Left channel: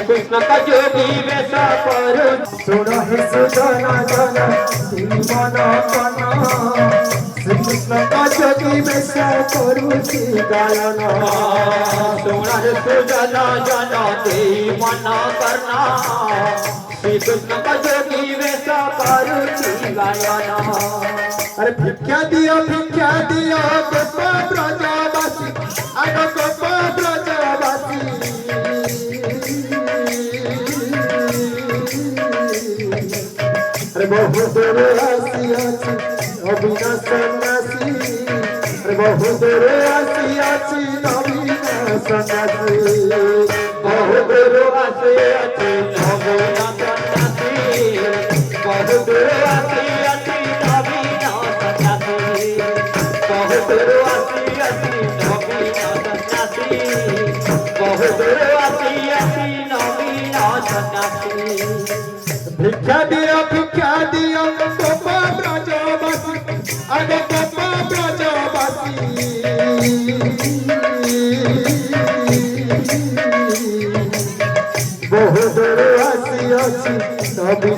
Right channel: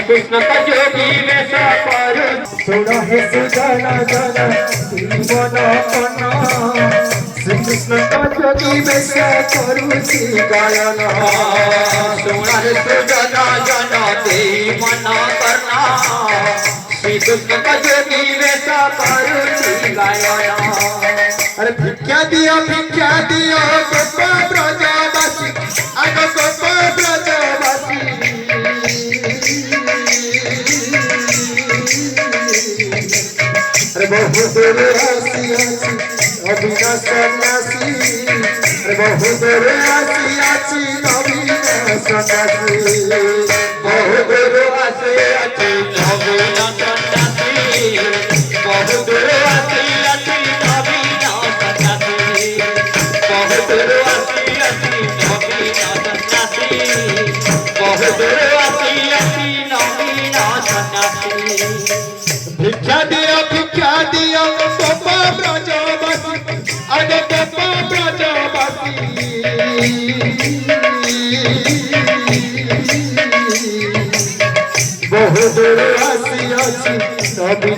कृष्ण का जोगी वैसा करो सुना है सुजाना जाना जीवन अपना श्री कृष्ण का जोगी वैसा करुची गायना सुना है सुजना जाना ते मना करना श्री कृष्ण का जोगी वैसा करो गायना। अरे भिक्षा दियो गोपा ब्रजवासी अरे गोपा ब्रजवासी अरे बहु दूर आसी अभिना सन्यासी अरे बहु दूर आसी अभिना सन्यासी बहु दूर आसे अति नवीन सन्यासी बहु दूर आसे अति नवीन सन्यासी बहु दूर आसे अति नवीन सन्यासी बहु दूर आसे अति नवीन सन्यासी। भिक्षा दियो गोपा ब्रजवासी अरे गोपा ब्रजवासी बहु दूर आसी